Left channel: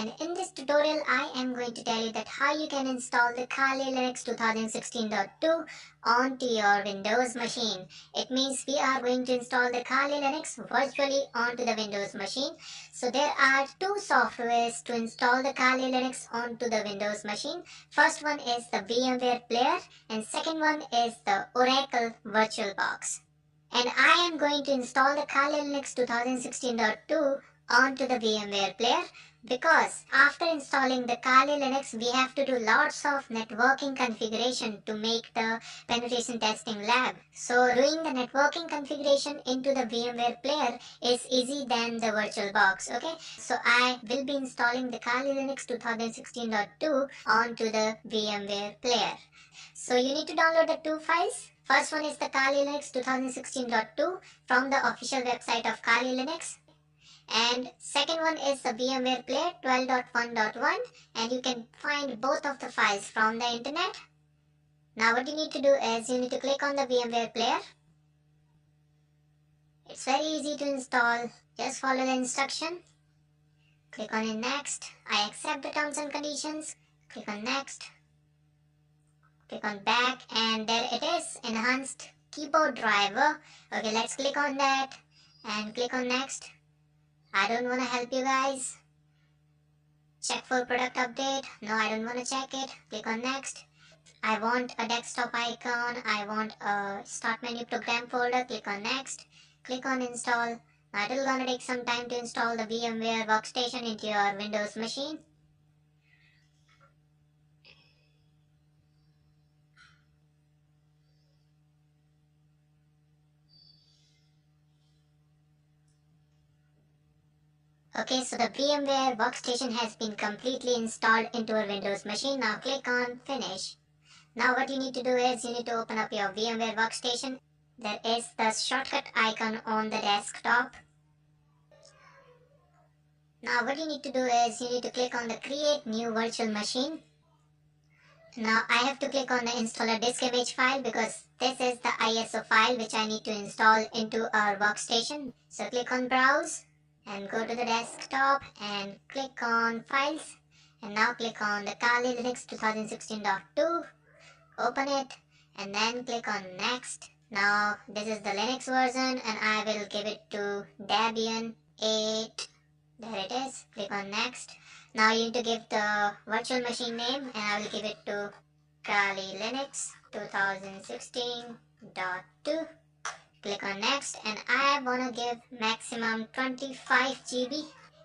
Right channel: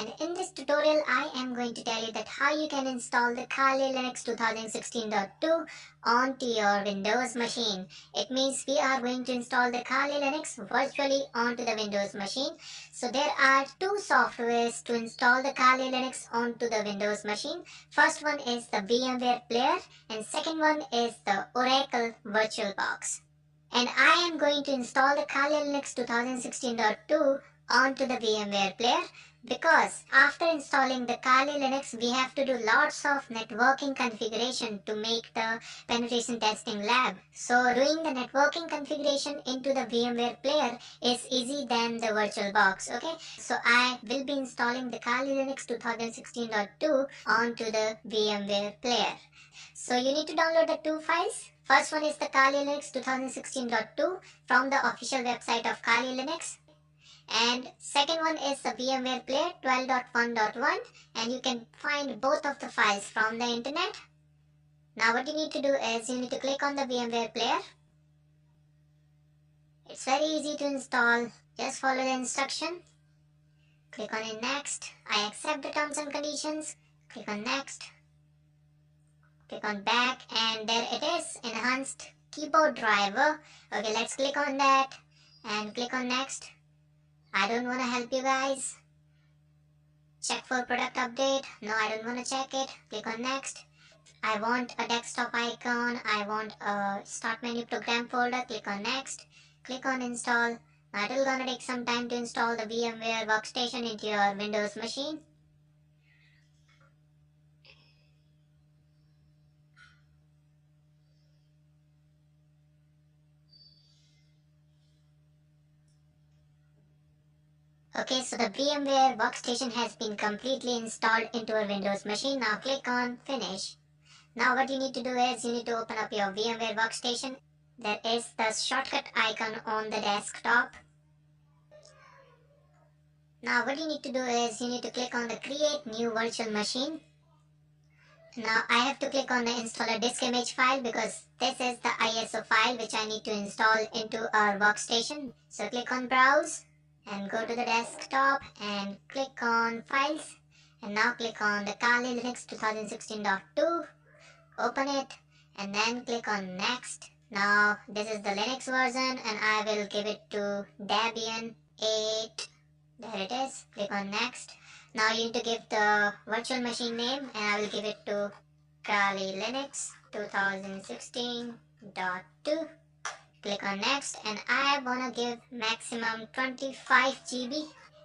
and in this tutorial I am going to tell you that how you can install the Kali Linux 2016.2 onto your Windows machine. It means we are going to install the Kali Linux virtually onto the Windows machine. So there are two softwares to install the Kali Linux onto the Windows machine. First one is the VMware Player and second one is the Oracle VirtualBox. And I am going to install the Kali Linux 2016.2 onto the VMware Player because after installing the Kali Linux we have to do lots of networking configuration to make the penetration testing lab. So doing the networking configuration into the VMware Player is easy than the VirtualBox. Okay, so I will be installing the Kali Linux 2016.2 onto the VMware Player. So you need to download the two files. First one is the Kali Linux 2016.2 from the official website of Kali Linux. And second one is the VMware Player 12.1.1, and you can find both of the files from the internet. Now what you need to do is you need to click on the VMware Player. It's very easy to install. Just follow the instruction. Click on in next. I accept the terms and conditions. Click on next. Click on back and there it is, enhanced keyboard driver. Okay, let's click on that and click on next. I don't want to help you guys. Check for product update. No, I don't want to check it. Click on next. I want a desktop icon. I want a start menu program folder. Click on next. Click on install. Now it will gonna take some time to install the VMware workstation into your Windows machine. Okay, so the VMware workstation has been completely installed into our Windows machine. Now click on finish. Now what you need to do is you need to open up your VMware workstation. There is the shortcut icon on the desktop. Now what you need to do is you need to click on the create new virtual machine. Now I have to click on the installer disk image file because this is the ISO file which I need to install into our workstation. So click on browse and go to the desktop and click on files and now click on the Kali Linux 2016.2. Open it and then click on next. Now this is the Linux version and I will give it to Debian 8. There it is. Click on next. Now you need to give the virtual machine name and I will give it to Kali Linux 2016.2. Click on next and I wanna give maximum 25 GB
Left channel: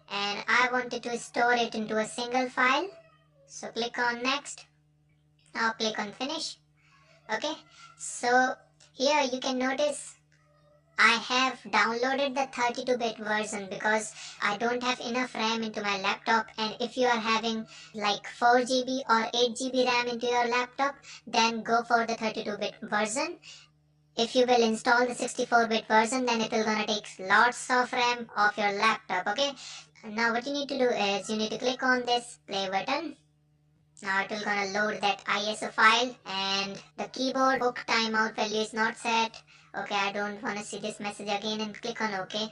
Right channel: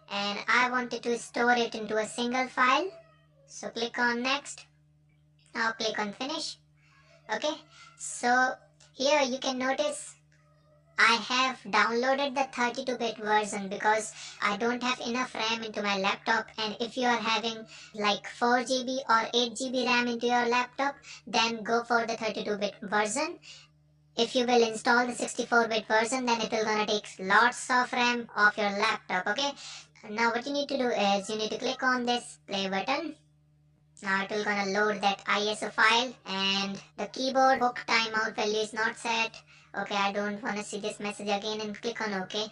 and I wanted to store it into a single file. So click on next. Now click on finish. Okay, so here you can notice I have downloaded the 32-bit version because I don't have enough RAM into my laptop, and if you are having like 4 GB or 8 GB RAM into your laptop, then go for the 32-bit version. If you will install the 64-bit version, then it will gonna take lots of RAM off your laptop. Okay, now what you need to do is you need to click on this play button. Now it will gonna load that ISO file and the keyboard hook timeout value is not set. Okay, I don't want to see this message again and click on OK.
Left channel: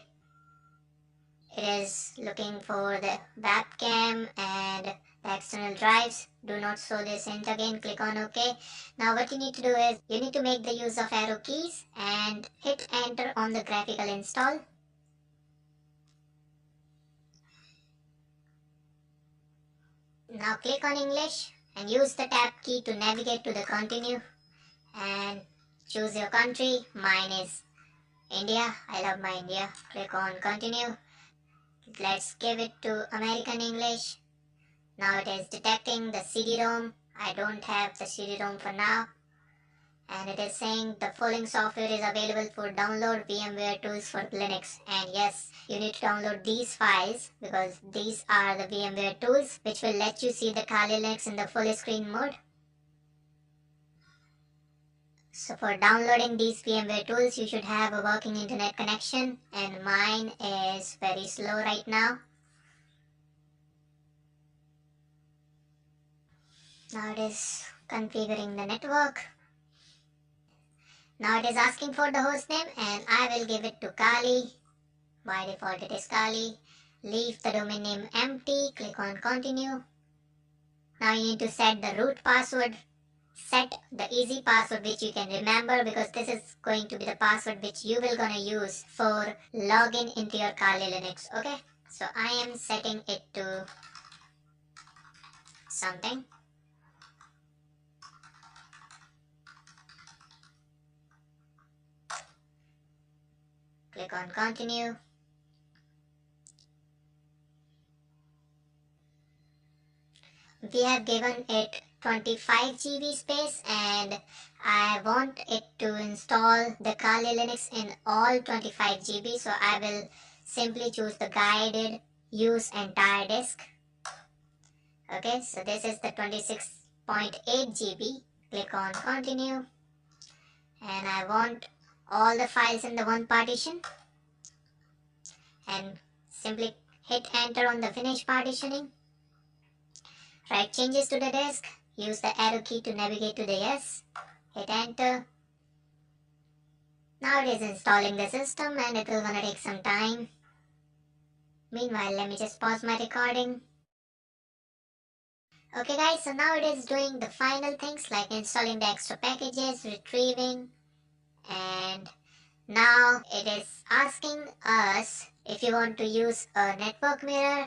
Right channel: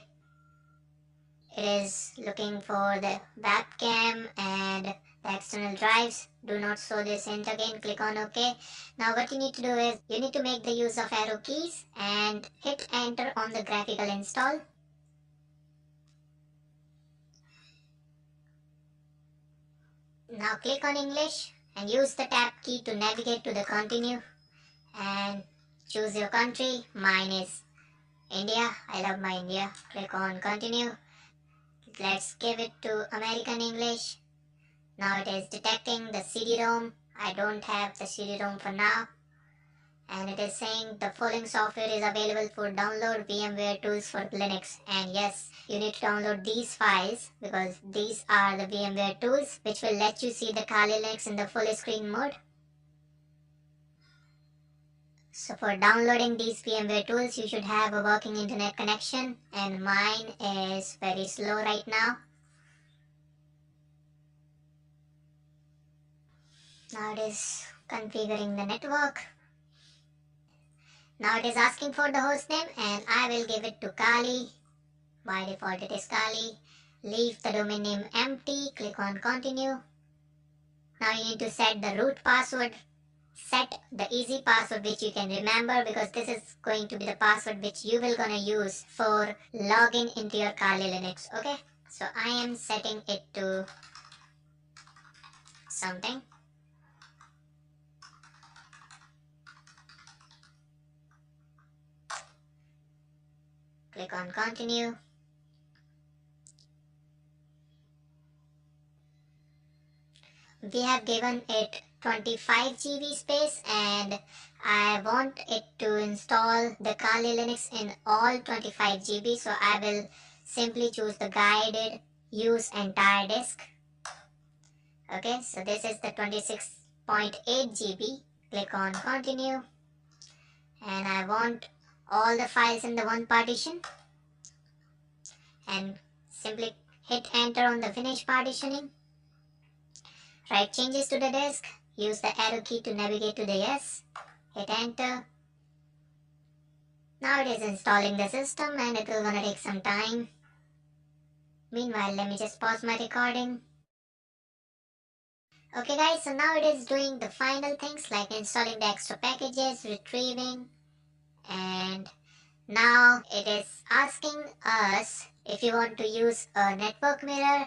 It is looking for the webcam and the external drives. Do not show this hint again. Click on OK. Now what you need to do is you need to make the use of arrow keys and hit enter on the graphical install. Now click on English and use the tab key to navigate to the continue and choose your country. Mine is India. I love my India. Click on continue. Let's give it to American English. Now it is detecting the CD-ROM. I don't have the CD-ROM for now. And it is saying the following software is available for download VMware tools for Linux. And yes, you need to download these files because these are the VMware tools which will let you see the Kali Linux in the full screen mode. So for downloading these VMware tools, you should have a working internet connection, and mine is very slow right now. Now it is configuring the network. Now it is asking for the host name and I will give it to Kali. By default it is Kali. leave the domain name empty, click on continue. Now you need to set the root password. Set the easy password which you can remember, because this is going to be the password which you will gonna use for login into your Kali Linux. Okay, so I am setting it to something. Click on continue. We have given it 25 GB space, and I want it to install the Kali Linux in all 25 GB, so I will simply choose the guided use entire disk. Okay, so this is the 26.8 GB. Click on continue, and I want all the files in the one partition, and simply hit enter on the finish partitioning. Write changes to the disk, use the arrow key to navigate to the yes, hit enter. Now it is installing the system and it will gonna take some time. Meanwhile, let me just pause my recording. Okay guys, so now it is doing the final things like installing the extra packages, retrieving, and now it is asking us if you want to use a network mirror.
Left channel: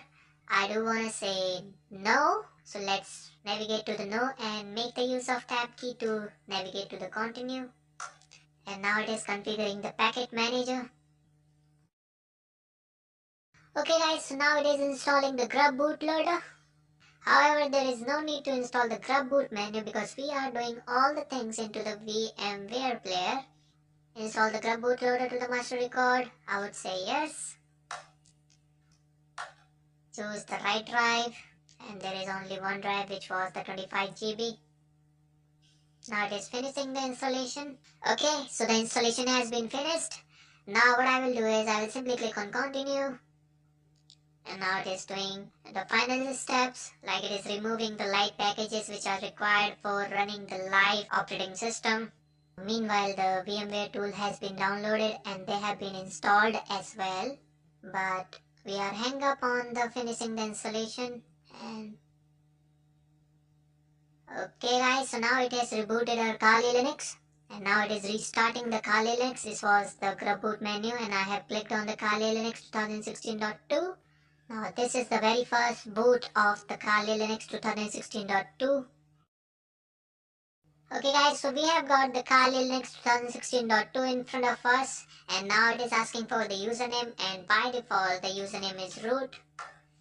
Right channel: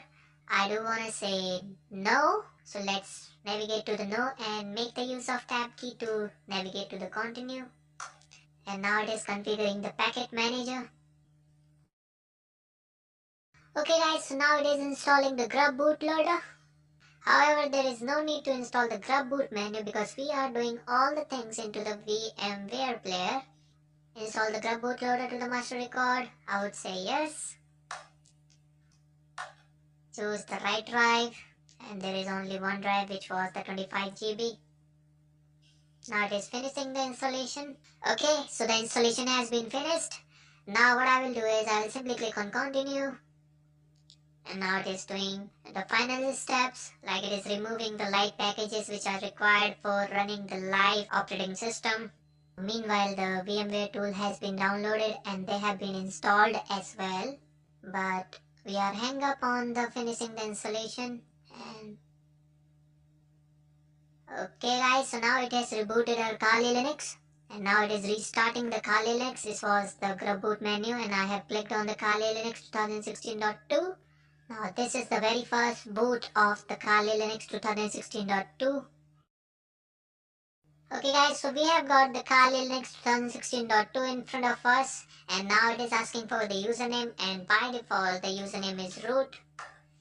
I do want to say no, so let's navigate to the no and make the use of tab key to navigate to the continue. And now it is configuring the packet manager. Okay guys, so now it is installing the grub bootloader. However, there is no need to install the grub boot menu because we are doing all the things into the VMware player. Install the grub bootloader to the master record. I would say yes. Choose the right drive, and there is only one drive, which was the 25 GB. Now it is finishing the installation. Okay, so the installation has been finished. Now what I will do is I will simply click on continue, and now it is doing the final steps, like it is removing the light packages which are required for running the live operating system. Meanwhile, the VMware tool has been downloaded and they have been installed as well, but we are hung up on the finishing the installation. And okay guys, so now it has rebooted our Kali Linux, and now it is restarting the Kali Linux. This was the grub boot menu, and I have clicked on the Kali Linux 2016.2. Now this is the very first boot of the Kali Linux 2016.2. Okay guys, so we have got the Kali Linux 2016.2 in front of us, and now it is asking for the username, and by default the username is root,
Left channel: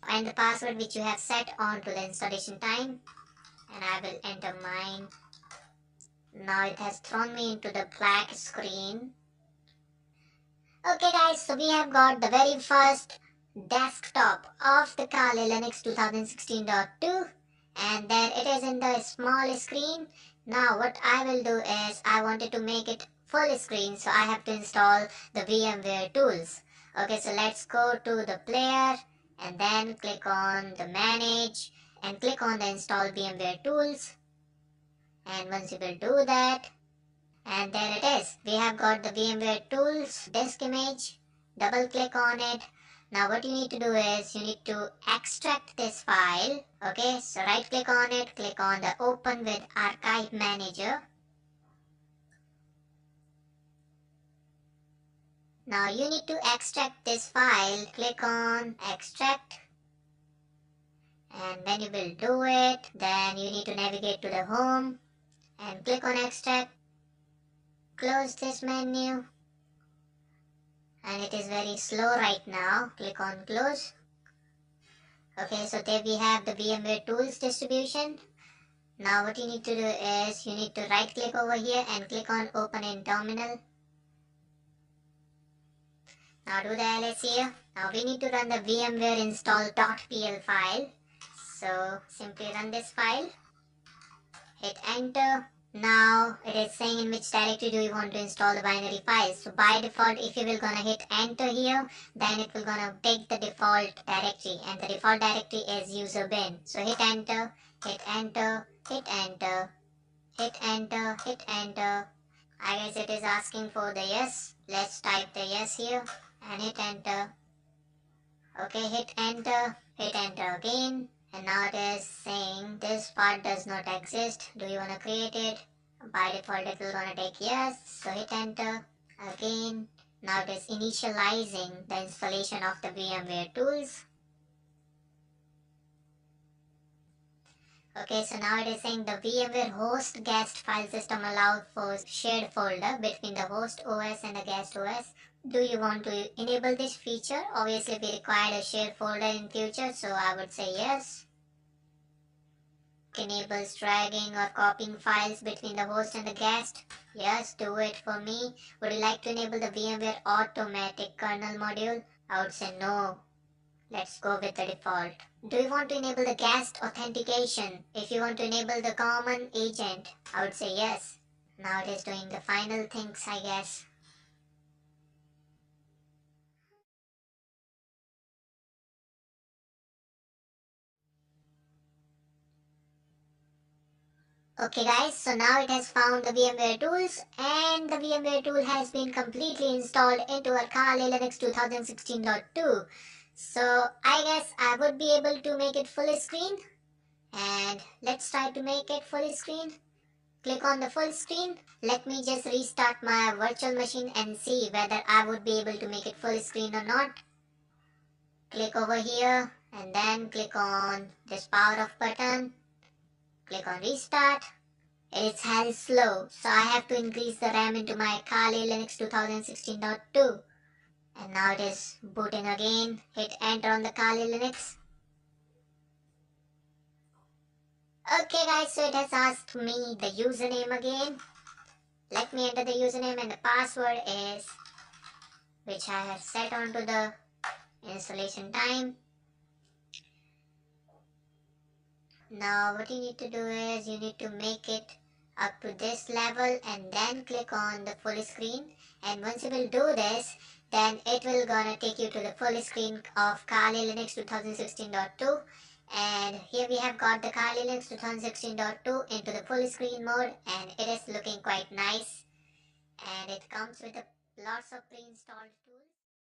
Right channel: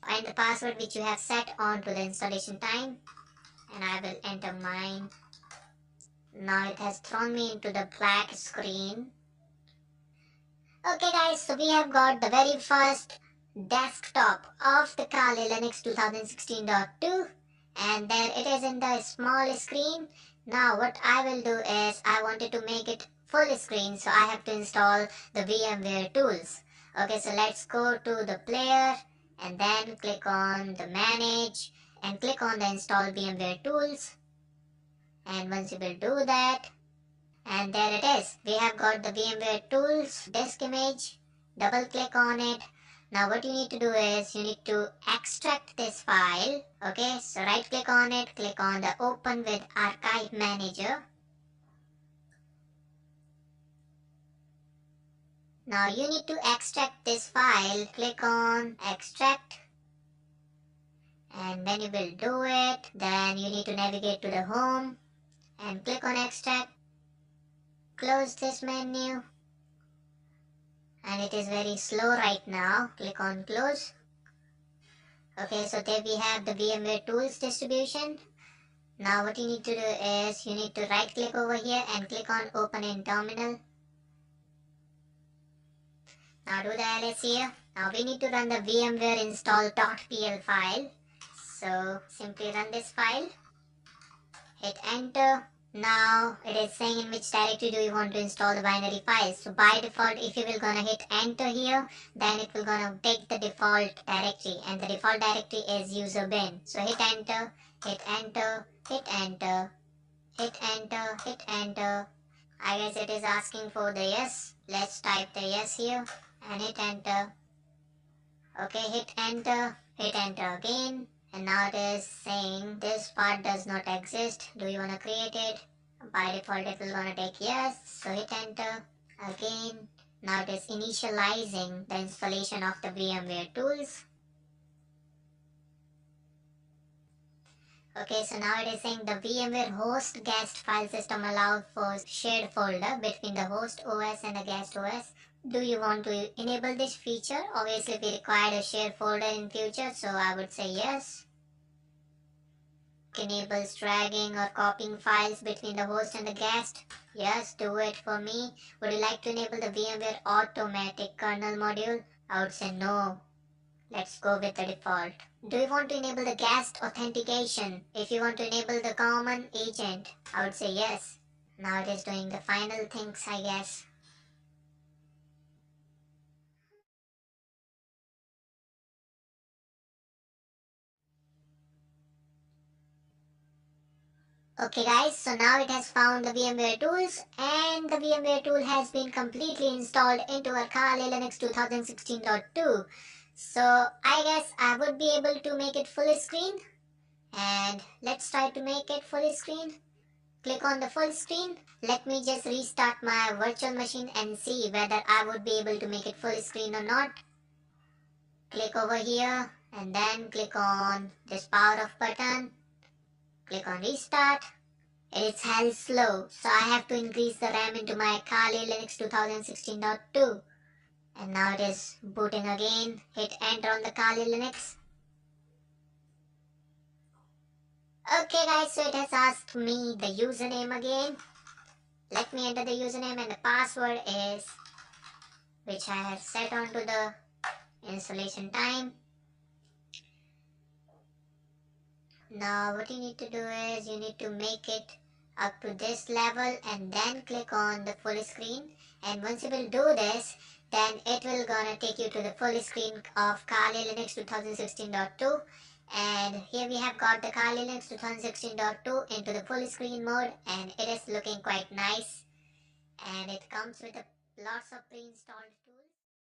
and the password which you have set on to the installation time, and I will enter mine. Now it has thrown me into the black screen. Okay guys, so we have got the very first desktop of the Kali Linux 2016.2, and there it is in the small screen. Now what I will do is I wanted to make it full screen, so I have to install the VMware tools. Okay, so let's go to the player and then click on the manage and click on the install VMware tools. And once you will do that, and there it is, we have got the VMware tools disk image. Double click on it. Now what you need to do is you need to extract this file. Okay, so right click on it, click on the open with archive manager. Now you need to extract this file. Click on extract, and when you will do it, then you need to navigate to the home and click on extract. Close this menu, and it is very slow right now. Click on close. Okay, so there we have the VMware tools distribution. Now what you need to do is you need to right click over here and click on open in terminal. Now do the ls here. Now we need to run the VMware install.pl file. So simply run this file. Hit enter. Now it is saying in which directory do you want to install the binary files. So by default, if you will gonna hit enter here, then it will gonna take the default directory, and the default directory is user bin. So hit enter, hit enter, hit enter, hit enter, hit enter. I guess it is asking for the yes. Let's type the yes here and hit enter. Okay, hit enter again. And now it is saying this part does not exist. Do you want to create it? By default it will gonna take yes. So hit enter again. Now it is initializing the installation of the VMware tools. Okay, so now it is saying the VMware host guest file system allows for shared folder between the host OS and the guest OS. Do you want to enable this feature? Obviously we require a shared folder in future, so I would say yes. Enables dragging or copying files between the host and the guest. Yes, do it for me. Would you like to enable the VMware automatic kernel module? I would say no. Let's go with the default. Do you want to enable the guest authentication? If you want to enable the common agent, I would say yes. Now it is doing the final things, I guess. Okay guys, so now it has found the VMware tools and the VMware tool has been completely installed into our Kali Linux 2016.2. So I guess I would be able to make it full screen, and let's try to make it full screen. Click on the full screen. Let me just restart my virtual machine and see whether I would be able to make it full screen or not. Click over here and then click on this power off button. Click on restart. It's hell slow, so I have to increase the RAM into my Kali Linux 2016.2. And now it is booting again. Hit enter on the Kali Linux. Okay guys, so it has asked me the username again. Let me enter the username, and the password is, which I have set onto the installation time. Now what you need to do is you need to make it up to this level and then click on the full screen, and once you will do this, then it will gonna take you to the full screen of Kali Linux 2016.2. And here we have got the Kali Linux 2016.2 into the full screen mode, and it is looking quite nice, and it comes with lots of pre-installed